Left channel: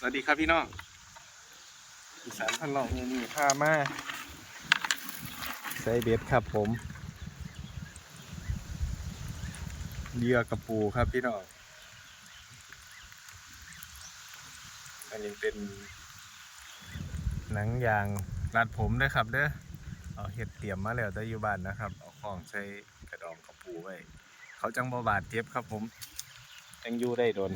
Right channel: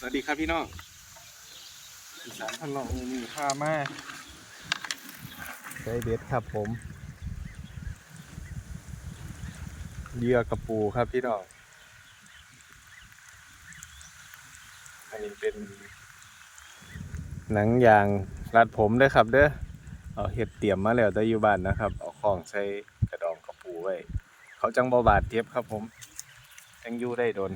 สวัสดีครับพี่น้องอีสานพันหลองมือนี่พามาใส่เบ็ดครับผมเรือกระปูครับพี่น้องอันนี้เป็น หนังยางรัดผมเด้อครับเด้อเอาเห็ดเตรียมมาแล้วแต่อยู่บ้านนะครับ เอาของใส่กระดองกระปูไว้ เขาจังบ่บาดเจ็บครับผม จังอยู่ได้โดน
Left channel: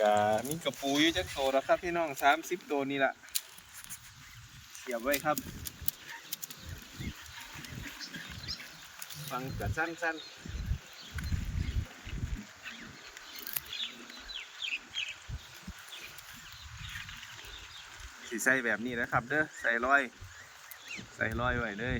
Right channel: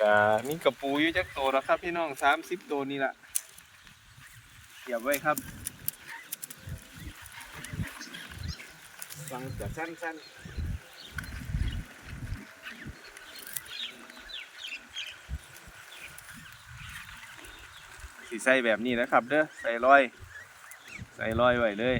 กะมีกระปูอยู่จักโตแล้วครับ พี่น้องสามสิบตัวนี่ละเสียบไว้ครับ ฟังกะสั้นๆสีใส่แบบนี้นะครับ เด้อใส่ร้อย ใส่ร้อยไว้เลย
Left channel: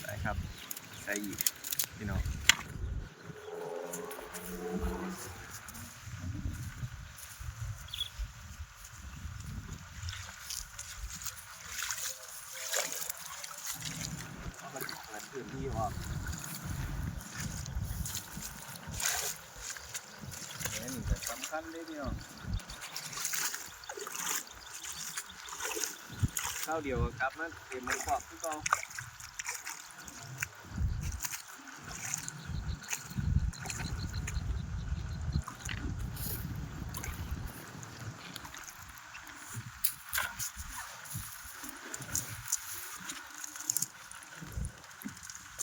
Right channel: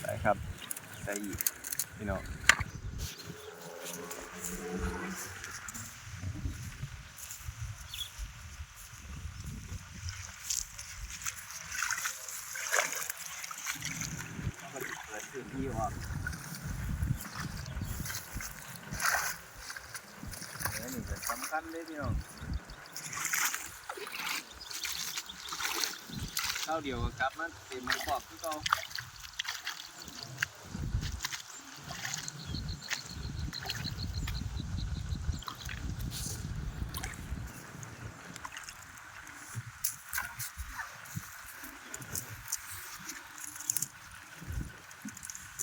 ใส่ครับ ใส่ อีกพี่น้องพื้นที่ออกนี่จะสำคัญเลยพี่น้องข้าวเดียวก็กลับมาเต็มหมือขอบคือเก่า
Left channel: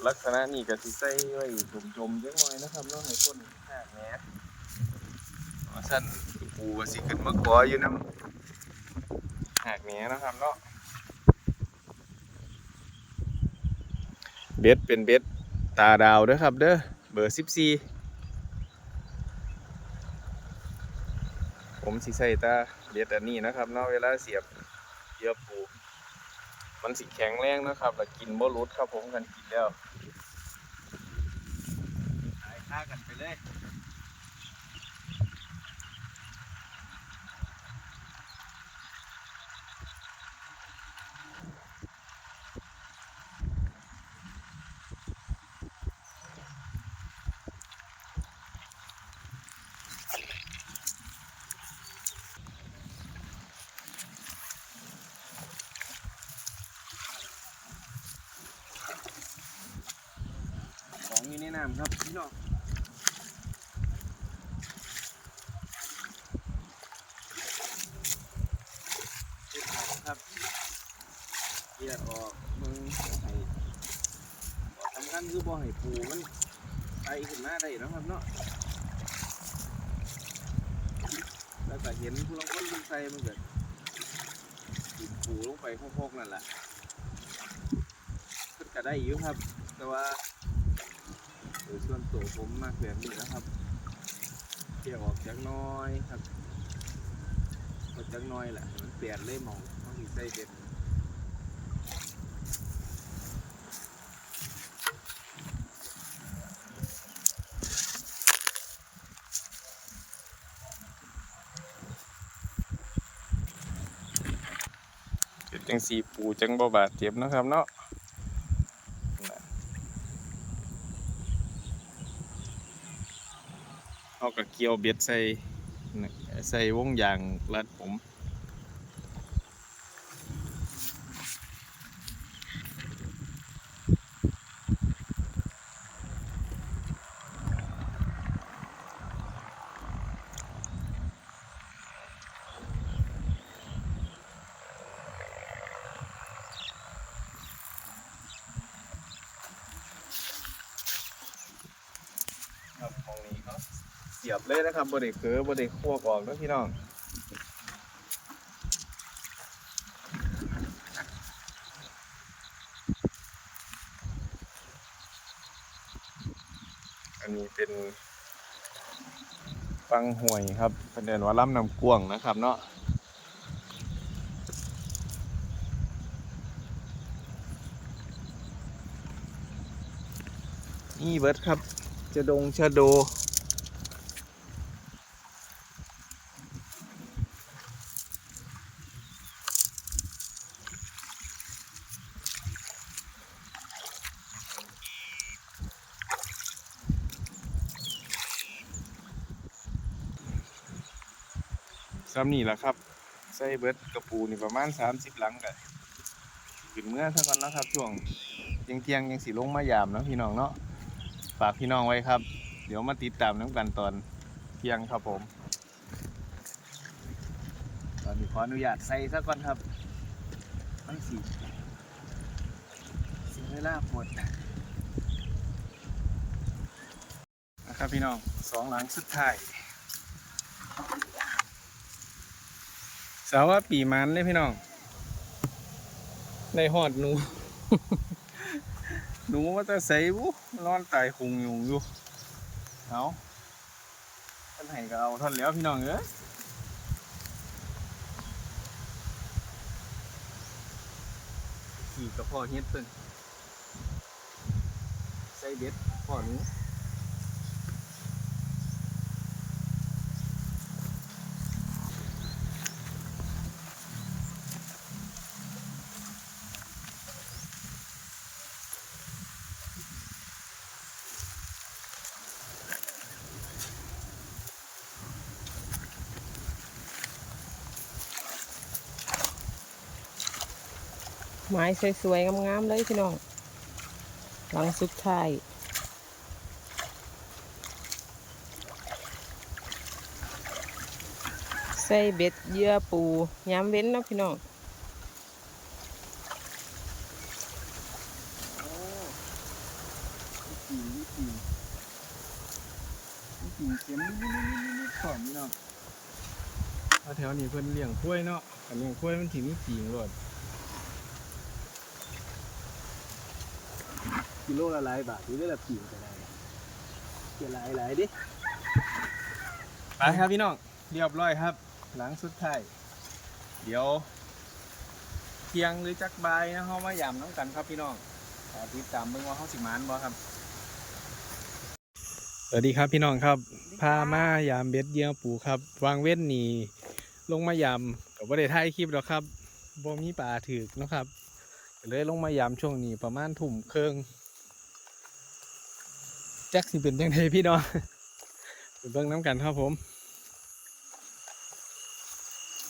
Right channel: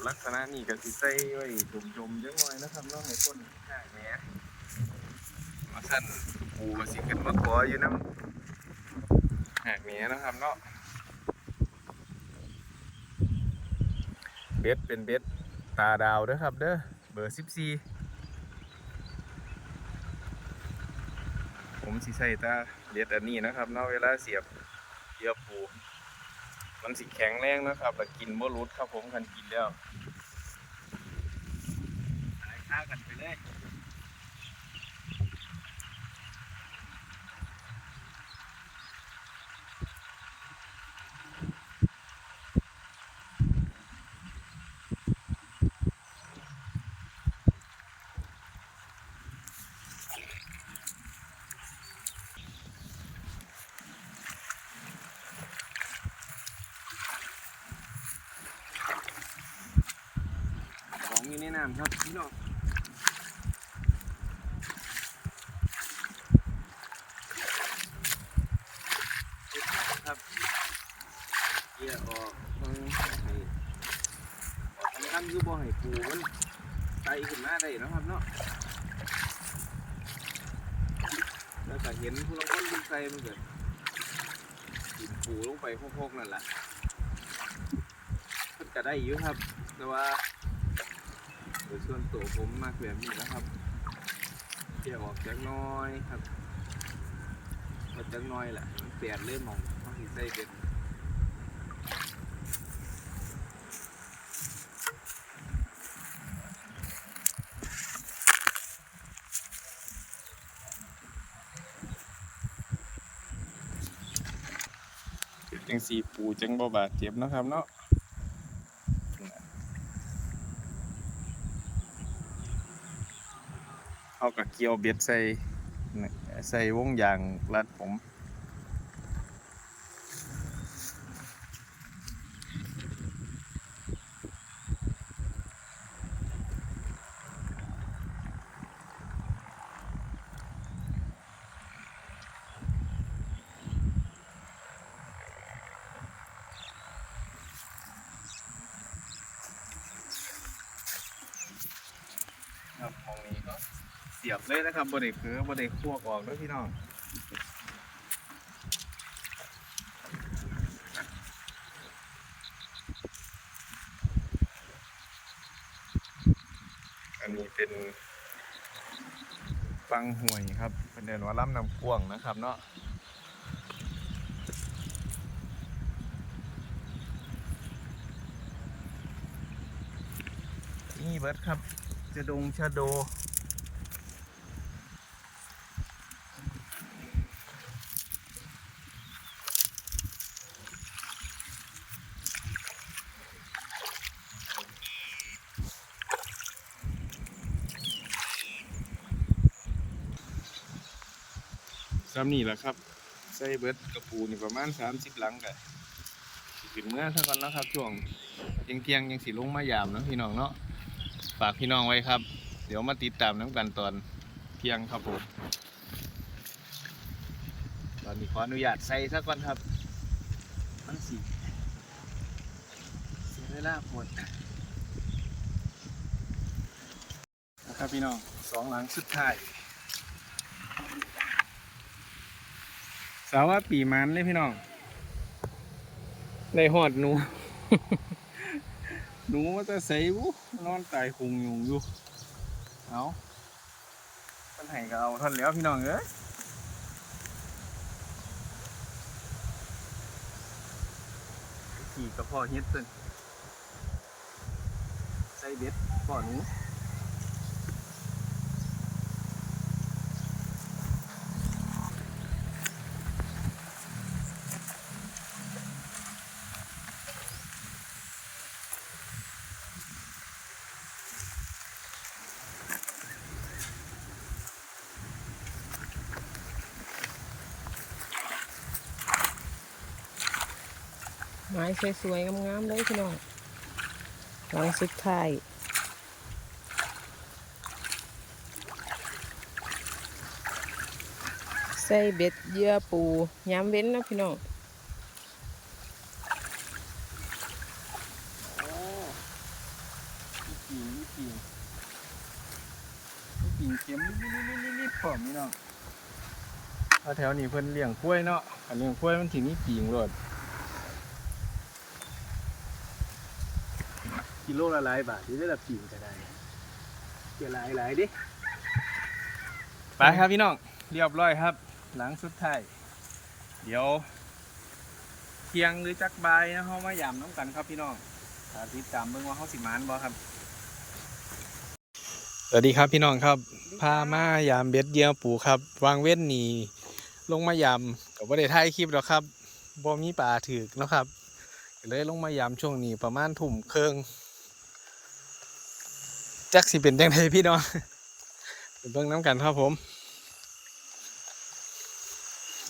ลักษณะนี้ก็สิใส่ไว้จมๆจังหน่อยนะครับเนาะให้คนหากแหนมาสั่นปูก็สิขึ้นมากัวอยู่นำหากแหนนะครับเนาะเบ็ดเป็นเบ็ดตาดาวเด้อครับเด้อเบอร์14ผมสิใส่ตาเบ็ดอันนี้นะครับเนาะเวลาเสียบเสียบปูมันสิแข็งแรงนะครับ แล้วกินบ่หลุดครับผมกันกินแล้ว ขายค่ากันไปเลยของมีในน้ำครับพี่น้องเฮ็ดหาง ครับเกี่ยออกมึงบ่ให้ขอสำคัญคือบ่ให้ปูมันไตขึ้นมาได้นะครับเนาะแล้วก็เห็นผู้ลางคนเพิ่นใส่มันเกิดกินปูลงไปพกๆนั่นแหละเพิ่นก็ได้อยู่ครับ แต่ว่าโดยส่วนตัวผมมากแบบนี้นะครับเกี่ยวออกจากน้อยครับออกจากน้อยแหละมันเปลี่ยนเลยมอง เขาสิใส่เป็นเป็นจังสีปูจังบ่บาดเจ็บนะครับเนาะเอากับเกียวเบ็ดใส่ใส่วงยางรัดผม ครับมองนี้เขาเสียบเลยนะครับบริเคือบริคั่วกออกนะพี่น้องอันนี้เป็นฟังห่วยครับเป็นเดินว่าล่ำนำกวงนะครับเนาะนี่เบิร์ดครับ จะดงชะโด ซ้ำนี่แหละครับ ใส่เบิร์ดกระปูนี่ประมาณ 30 หลังกันขึ้นเมื่อเท่ากันนะครับ ช่วงเทียงเทียงยังสีลงมายามนะพี่น้องเนาะ ฝากพี่น้องไว้ครับ เดี๋ยวมาติดตามน้ำกันตอนเที่ยงครับผม ตอนนี้ขออนุญาตใส่ซะก่อนครับมันสีเสียเวลาปวดนะครับพี่น้องสองหลังสุดท้ายสาวว่าปีมันเลยพี่น้องในหอดหนู หนูว่าจะใส่บุนอนตายคงยุงอยู่ เอาท่านให้ก็เอาท่านแล้วพี่น้องเอ้ยขี่กับพ่อเฮ็ดเพิ่นใส่เบ็ดพ่อหนู ไม้สวยๆงามๆเลยพี่น้องหลังสุดท้ายใส่เบ็ดเยื่อปูย้ำเว้นนะพี่น้องโอ้มีกิ่งกิ่งกิ่งเข็มนิดๆๆๆๆพร้อมนี่เนาะเพราแถวนี้เพิ่นเลี้ยงกล้วยเนาะอันเลี้ยงกล้วยมันถึงมีกิ่งโลด กิโลละหลายบาทที่ได้ละกิ่งก็ได้เกี่ยหลายหลายๆดิไปครับพี่น้องเรียบร้อยครับ หลังสุดท้ายเดี๋ยวเที่ยงหรือจักบายนะเขามายามน้ำกันครับพี่น้องถ้าติดตามเบิ่งว่าเขาสิมานบ่ครับสวัสดีครับพี่น้องครับพามายามเบ็ดเหยี่ยวปูครับ วางเว้นนี่ลงมายามกับว่าได้ถ่ายคลิปหรอกครับบ่มีปลาถือกเนาะครับก็เลยลงมายามช่วงนี้ประมาณทุ่มครึ่ง จักสิเป็นจังไดพี่น้องไปเบิ่งน้ำกันครับผม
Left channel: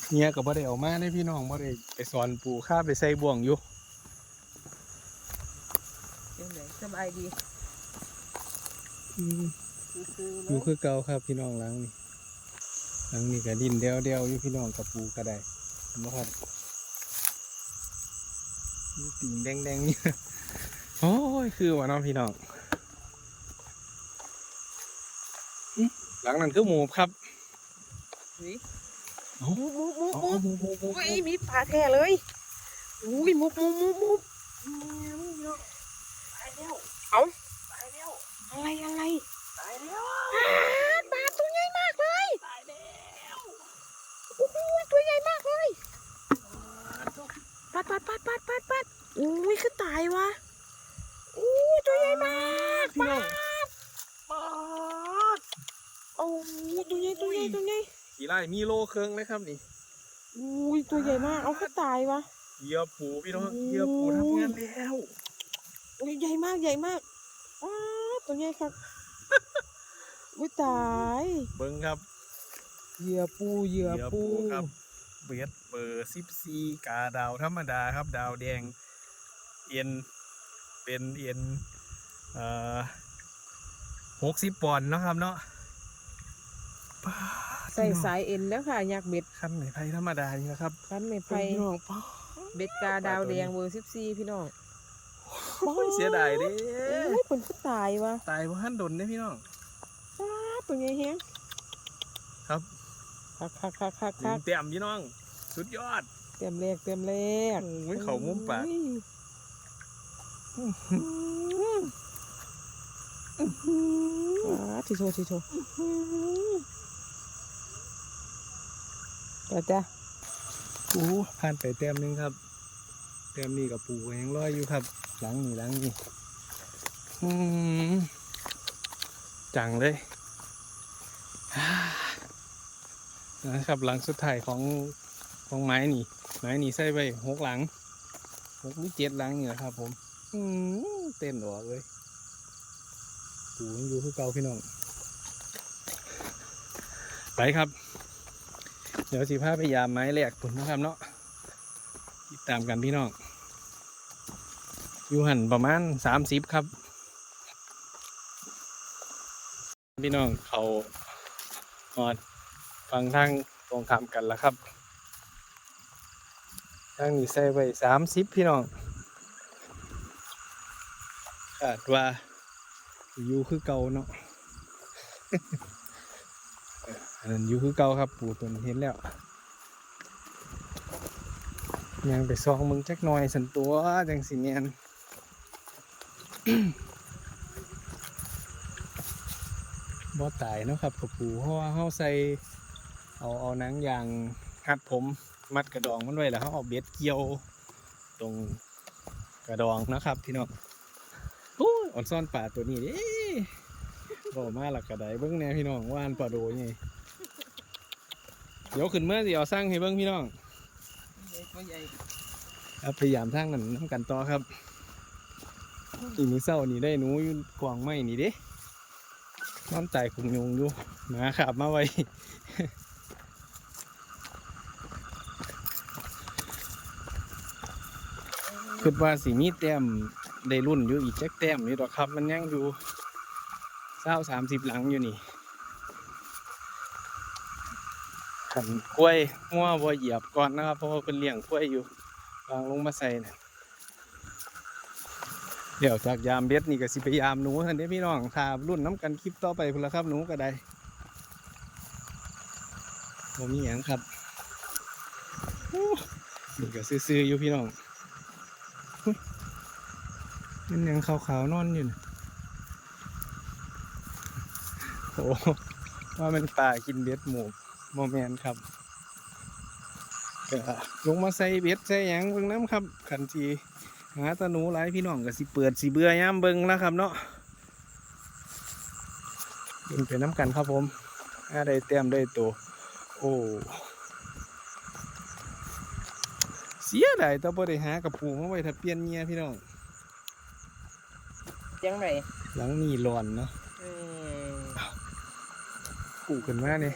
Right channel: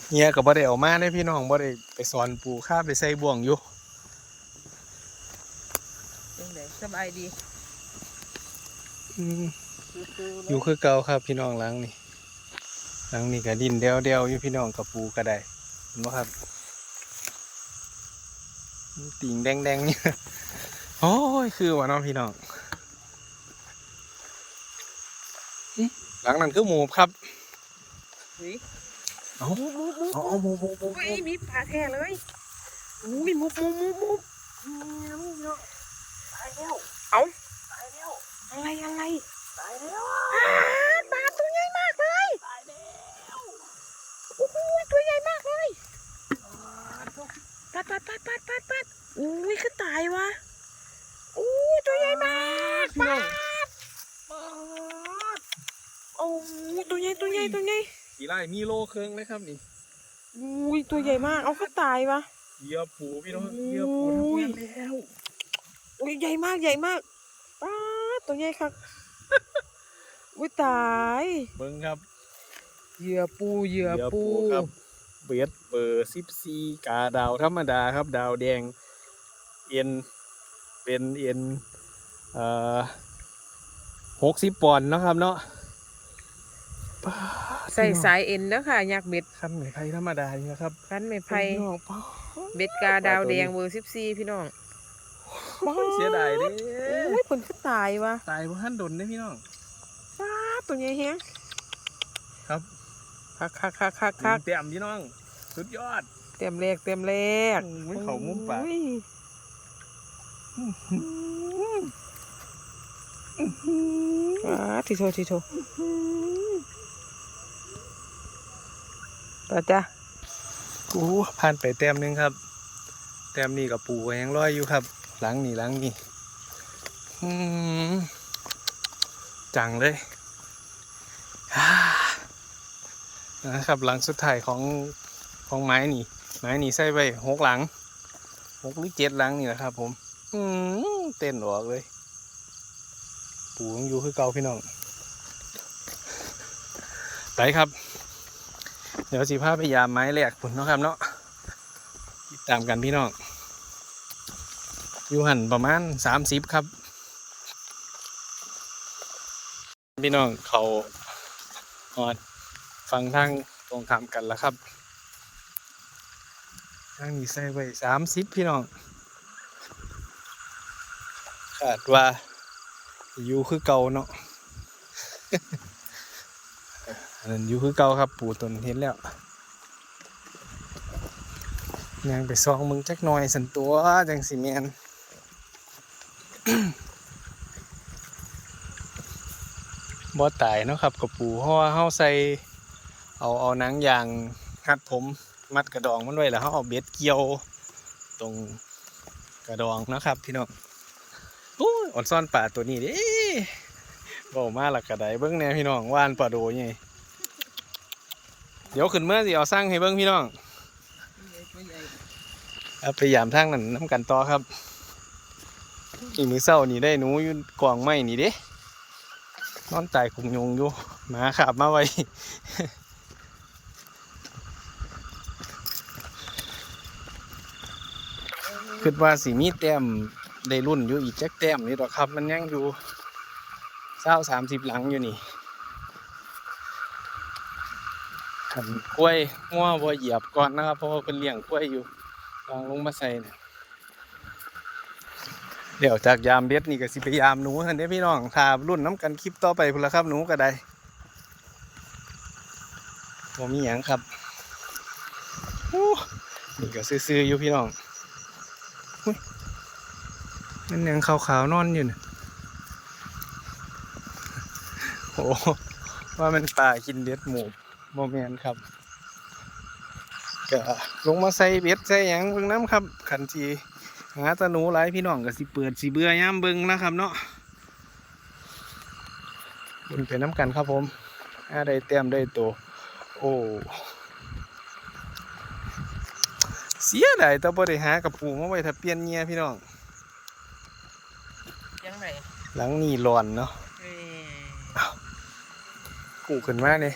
เฮียกับบ่ได้เออกมาได้พี่น้องบ่ได้ไปสอนปูข้าไปใส่บ่วงอยู่จังไดสบายดีอืมอยู่คือเก่าครับพี่น้องหลังนี่หลังนี่ก็ดินเดียวเดียวๆอยู่พี่น้องกับปูก็ได้เห็นไหมครับมีติ่งแดงๆเนี่ยโอ้ยคือว่าน้องพี่น้องอื้อ หลังนั้นคือหมูครับเฮ้ยเอ้ามุบมุบมุบอ๋อมุบหมูหมูหมูอุ้ยมีปลาแท้เลยอุ้ยมุบมุบมุบมุบตายแล้วเอาตายแล้วอะไรอะไรตายแล้วปลาตัวใหญ่มากเลยตายแล้วโอ้โหตัวใหญ่มากเลยปัดปัดปัดปัดปัดปัดอุ้ยคือตายวะอุ้ยตัวใหญ่มากพี่น้อง ปัดโอ้ยตัวใหญ่ตัวใหญ่ตัวใหญ่ขี่ไล่มีโลเครื่องเลยครับนี่อุ้ยตัวใหญ่มาก เอาเขาตายวะเหยื่อปูพี่น้องโอ้ยเหยื่อปูทำงานแล้วอุ้ยใหญ่มากใหญ่มากป้าดตัวใหญ่ครับอุ้ยตายเบิ้งครับเหยื่อปูเหยื่อปูครับเบียดเบอร์สิบสี่กาดาวธรรมดาครับ ดาวแดงเอ็นเป็นเอ็นเอ่อหกสิบปอนด์เนาะครับเนาะป๊าด ใส่สายเอ็นเด้อค่ะยักษ์เบ็ดขั้นไหมไผ่ธรรมดาอย่างเงี้ยครับคันไม่ไผ่พี่น้องป๊าดเบ็ดกาดาวแดงเบอร์สิบสี่พี่น้องโอ้ยเสียดายเด้อุ้ยผลก็ตายวะตายเพราะหันดนเด้พี่น้องป้าดตัวใหญ่แฮงครับคักคักคักคักคักเต็มพี่น้อง สุดยอด เต็มแรกเต็มแรกโอ้ยเขามุมปากอุ้ยป้าดทีโททีโท ป้าจ้ะกูผ่านไปแต้มนึงครับแต้มนี้กับปูก็ยังลอยอยู่ครับ หลังนี่หลังนี่จังเลยนะครับหลังสุดท้ายของของไม้นี่ ไม้นี่ใส่ไปหกหลังหกหรือเจ็ดหลังนี่แหละครับผมอืมเต้นออกเลย ปูยังอยู่คือเก่าพี่น้องไปครับ เดี๋ยวสิพาไปยามไม้แหลกพุ่นเนาะครับเนาะติดตามกันพี่น้องอยู่หันประมาณสามสิบครับ พี่น้องเขาหอดฟังทางตรงข้ามกันแล้วครับทางนี้ใส่ไว้สามสิบพี่น้องคาดว่าอยู่คือเก่าเนาะ นนั้นอยู่คือเก่าครับปู่ตนเห็นแล้วยังไปซองมึงจักหน่อยสันตัวจังสิแมนบ่ตายเนาะครับกับปูเพราะว่าเฮาใส่เอาเอานังยางหัดผมมัดกระดองมันไว้แล้วเฮาเอาเบ็ดเกี่ยวตรงกระดองนะครับ พี่น้องโอ้อ่อนซ่อนป่าตัวนี้เด้บ่มาและกกระไดเบิ่งแน่พี่น้องว่านปลาโดไง เดี๋ยวขึ้นเมื่อสิเอาสร้างให้เบิ่งพี่น้องเอายามทางนั้นน้ำกันต่อครับอีมือเศร้านี่ได้หนูอยู่กวางไม้นี่เด้นอนตายคุงยงอยู่หมาขับมาไว้คิดว่าสีมีแต้มได้รุ่นอยู่อีกจักแต้มนี่ดอครับ มันยังอยู่เศร้าสามสิบหลังอยู่นี่ ขันกล้วยมั่วบัวเหยียบก่อนนะครับ เพราะว่าเป็นเลี้ยงกล้วยอยู่วางลงมาใส่เนี่ยเดี๋ยวจากยามเบ็ดนี่ก็สิไปยามหนูทันเด้พี่น้องถารุ่นน้ำกันคลิปต่อไปพุ่นละครับหนูก็ได้บ่มีหยังครับนี่ก็ซื่อๆอยู่พี่น้องนั่นยังขาวๆนอนอยู่น่ะโอ้ว่ามันป่ากินเบ็ดหมู โมเมนครับก็ลงมาใส่เบ็ดใส่หยังเบิ่งน้ำครับขันทีหาตาหนูหลายพี่น้องก็สิเปิดสิเบื่อย่ามเบิ่งนะครับเนาะเบิ่งไปน้ำกันครับผมอาได้เต็มได้โตวโอ้เสียดายแต่บ่ได้หากระปูมาไว้ถ้าเปลี่ยนเงียพี่น้องยังไงหลังนี่ร้อนเนาะเอ้ยกูขึ้นมาเนี่ย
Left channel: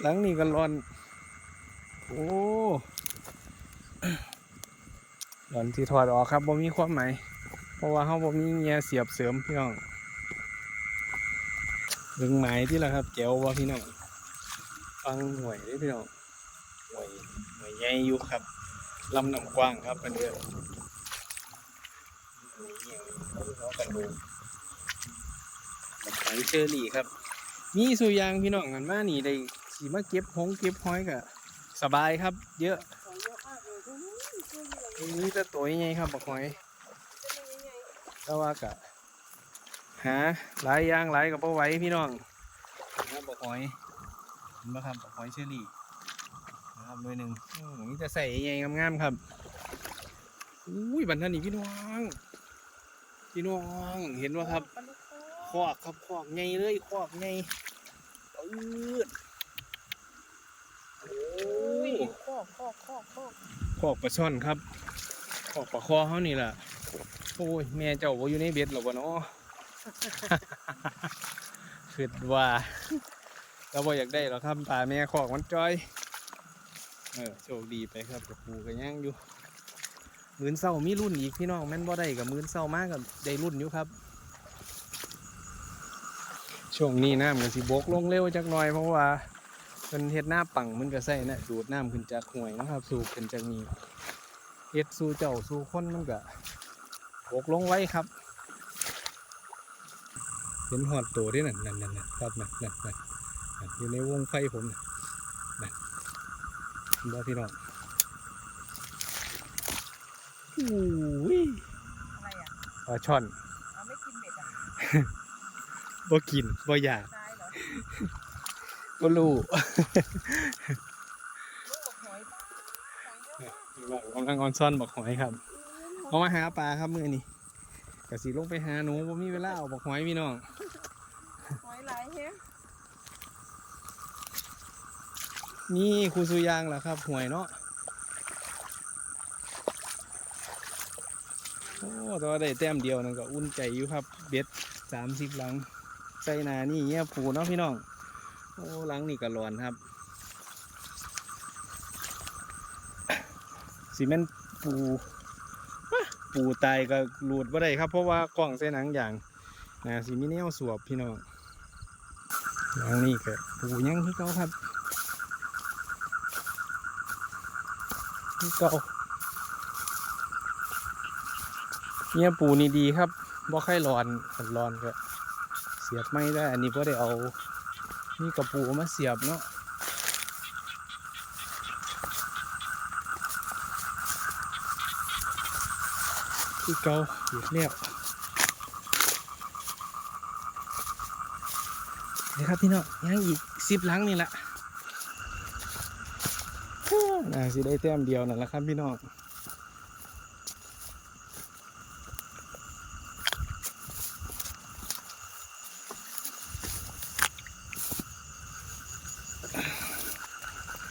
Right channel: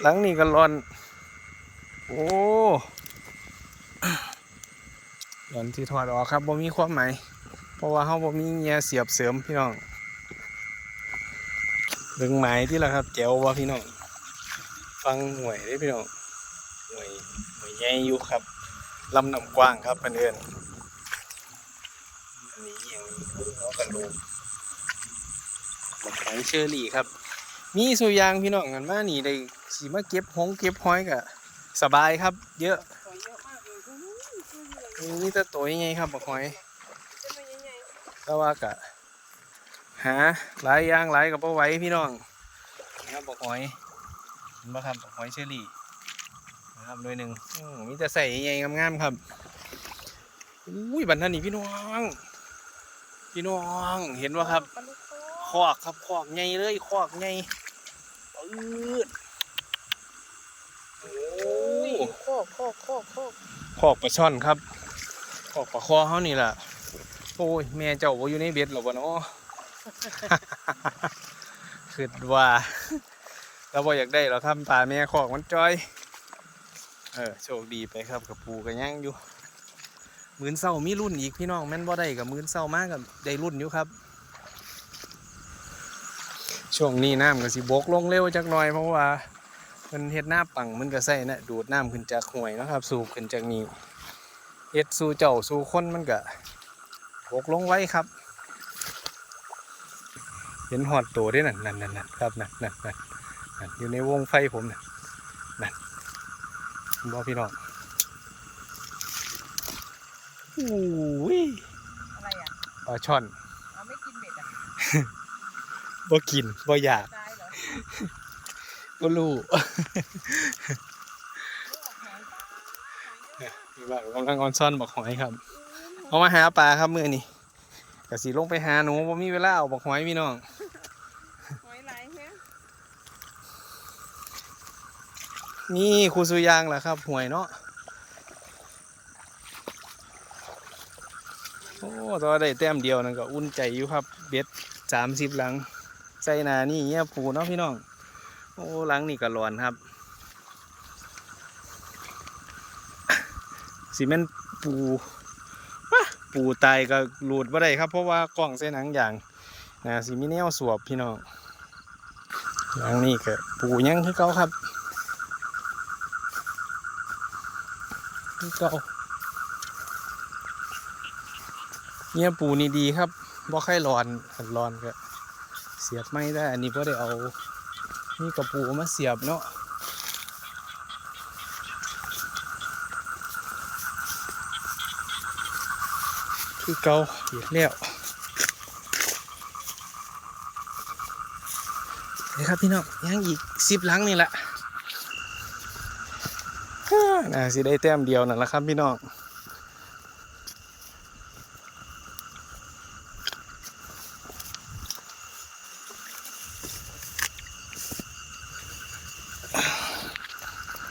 หลังนี่ก็ร้อน โอ้ร้อนที่ถอดออกครับบ่มีความหมายเพราะว่าเฮาบ่มีเงียเสียบเสริมพี่น้องเบิ่งไม้ที่ละครับแจวว่าพี่น้องฟังห่วยได้พี่น้องห่วยห่วยใหญ่อยู่ครับลำน้ำกว้างครับเพื่อนอันนี้เหี่ยวหัวกระโหลกบักหอยเชอรี่ครับ มีสุยางพี่น้องกันมานี่ได้สีมาเก็บหงเก็บหอยก็สบายครับ เยอะนี่จะตัวยังไงครับบักหอยแต่ว่ากะหาหลายอย่างหลายกับไหว้พี่น้องนะครับบอกหอยเห็นปะครับบอกหอยเชอรี่นะครับหน่วยหนึ่งอื้อมีแต่ใส่ใหญ่ๆงามๆครับอุ้ยบันทันนี่พี่น้อง พี่น้องเห็นปะครับคอกครับคอกใหญ่เลยคอกใหญ่ปื ดโอ้โคกโคกโคกโคกคอกปลาช่อนครับคอกปลาคอเขานี่แหละโอ้ยแม่เจ้าบ่อยู่ในเบ็ดหรอวะเนาะคิดว่าเราบ่อยากได้หรอกครับป่าแม่ขอกมันจอย เออโชคดีไปครับกับปูกับย่างอยู่ มือนเศร้ามีรุ่นอีกพี่น้องแม่นบ่ได้กับมือนเศร้ามากกับได้รุ่นอยู่ครับ ช่วงนี้น้ำก็สิบกลงเร็วจักหน่อยเพราะว่ามันเฮ็ดหน้าปังมันก็ใส่นะดูดน้ำขึ้นจากห้วยนะครับ สูบขึ้นจากนี้เฮ็ดสู่เจ้าสู่คนมันก็บกลงไว้ครับ เห็นหอดตัวด้วยนั่นนั่นนั่นนั่นครับนั่นนั่นนั่นนั่นอยู่ในวงไฟผมนั่นนั่นบ่พี่น้องอุ้ยอะไรอะปลาช่อน เอาไม่กินเบ็ดอะ บ่กินบ่อยากตายเหรอก็รู้โอ้โหหอยนี่ว่ากำลังออนซ่อนบักหอยครับ เอามาหาปลาครับมือนี่กะสีลงไปหาหนูบ่มีเวลาเอาบักหอยพี่น้องหอยหลายแฮะนี่ครูสุยางแหละครับหวยเนาะโอ้ตัวได้แต้มเดียวนั่นก็อุ่นใจอยู่ครับ เบ็ดสามสิบหลัง ใส่หนานี่เงี้ยปูเนาะพี่น้อง โอ้หลังนี่ก็ร้อนครับสีเมนปูปูตายก็หลุดบ่ได้ครับ เพราะว่ากล้องเส้นหนังอย่างนะสีมีแนวสวบพี่น้องหลังนี่ก็ปูยังคือเก่าครับคือเก่าเนี่ยปูนี่ดีครับบ่ค่อยร้อนร้อนก็ สียบไม่ได้อันนี้ก็ได้เอานี่กระปูมาเสียบเนาะคือเกาเหียดแล้วนี่ครับพี่น้องยังอีกสิบหลังนี่แหละน่าสิได้แต้มเดียวนั่นแหละครับพี่น้อง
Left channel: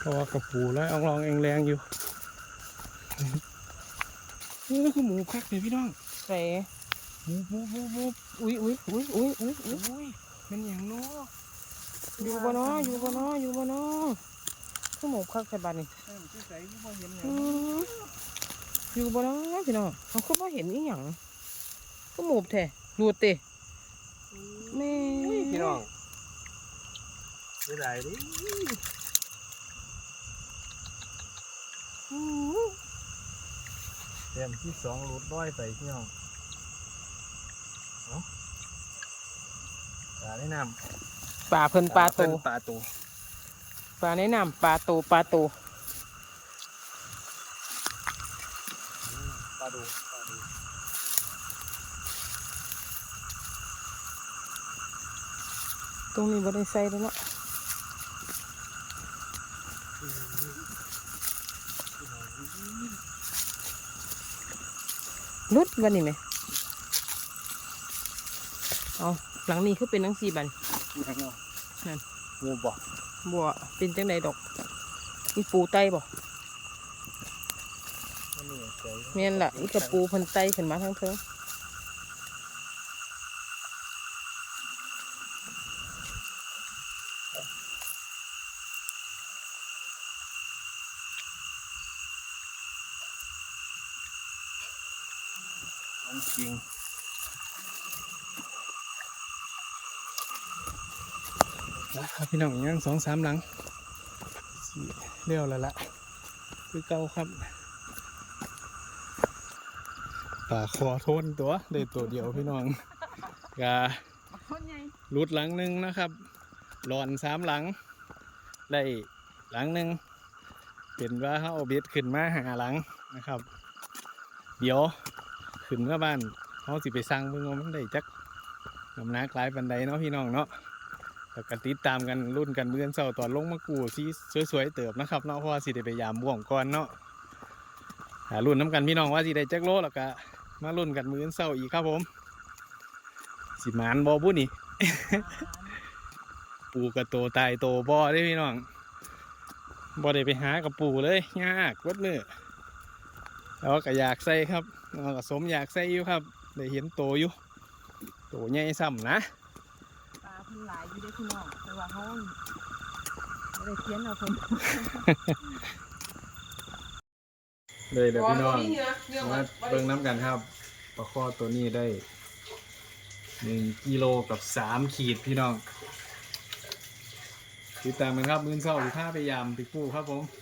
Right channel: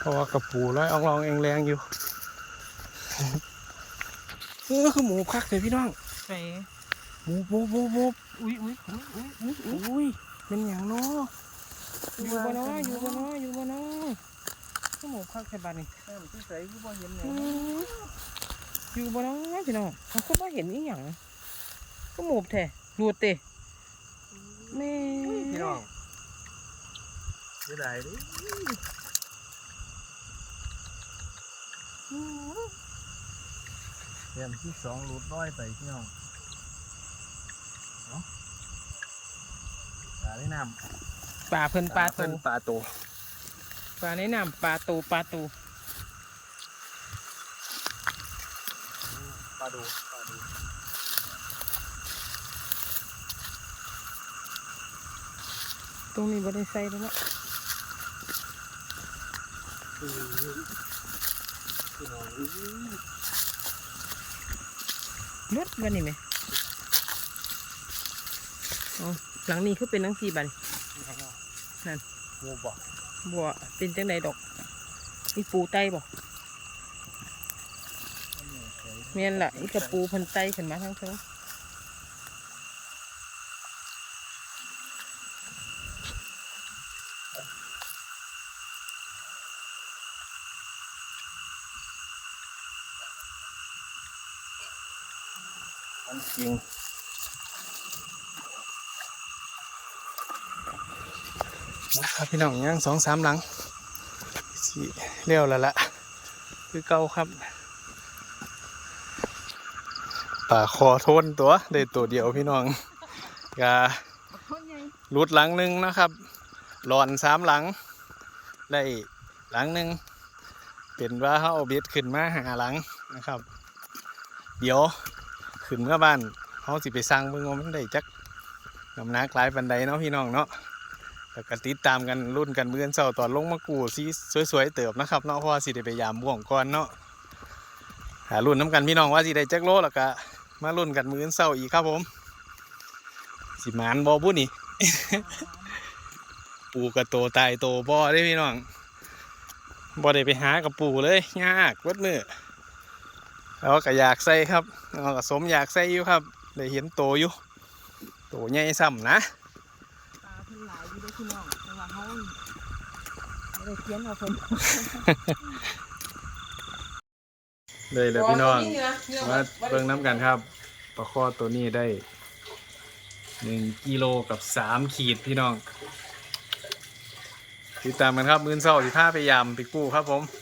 เพราะว่ากระ ปูแล้วอองลองเองแรงอยู่เออคือหมูคักเลยพี่น้องใส่หมูหมูหมูหมูอุ้ยอุ้ยอุ้ยอุ้ยอุ้ยอุ้ยอุ้ยเป็นอย่างเนาะอยู่บ่เนาะอยู่บ่เนาะอยู่บ่เนาะก็หมูคักใส่บาดนี่น้ำที่ใสที่บ่เห็นเนี่ยอืมอยู่บ่เนาะพี่น้องเขาก็บ่เห็นอีหยังก็หมูแท้รูดเตะแม่พี่น้องไม่ได้ดิ เดือนที่สองรูดร้อยไปพี่น้องเอาปลาในน้ำปลาเพิ่นปลาโตเพิ่นปลาโตปลาในน้ำปลาโตปลาโตปลาดูปลาดูตรงนี้บ่ได้ใส่แล้วเนาะพี่ นุดบันนี้ไหมเอาหลังนี้คือเป็นนังสีบันนั่นงูบอกบัวเป็นจังไดดอก มีปูไตบอกเนี่ยแม่นล่ะอีกระปูพันไตขึ้นมาทั้งเธอ จริง นะครับพี่น้องยังสองสามหลังสิเลี้ยวแล้วละคือเก่าครับป่าคอทนตัวได้ตัวเดียวพี่น้องการุดหลังหนึ่งนะครับ หลอนสามหลัง ได้หลังหนึ่งเป็นว่าเขาเอาเบ็ดขึ้นมาหาหลังนะครับ เดี๋ยว ขึ้นเมื่อบ้านเขาสิไปสร้างเบิ่งว่ามันได้จักน้ำหนักหลายปันใดเนาะพี่น้องเนาะแล้วก็ติดตามกันรุ่นกันเมื่อนเสาตอนลงมากูสีสวยๆเติบนะครับเนาะเพราะว่าสิได้ไปยามบ่วงก่อนเนาะหารุ่นน้ำกันพี่น้องว่าสิได้จักโลแล้วก็มารุ่นกันมื้อนเสาอีกครับผม สิมานบอบุนี่ ปูกระโตตายโตบ่ได้พี่น้องบ่ได้ไปหากับปูเลยยากวัดมือ แล้วก็อยากใส่ครับแล้วก็สมอยากใส่อยู่ครับได้เห็นโตอยู่โตใหญ่ซ้ำนะปลาเพิ่นหลายอยู่เด้อพี่น้องแต่ว่าเขาไม่ได้เขียนเอาเพิ่นเลยเลยพี่น้องมาเบิ่งน้ำกันครับปลาคอตัวนี้ได้หนึ่งกิโลกับสามขีดพี่น้อง ติดตามกันครับ มือนเศร้าสิผ้าพยายามไปกู้ครับผมเ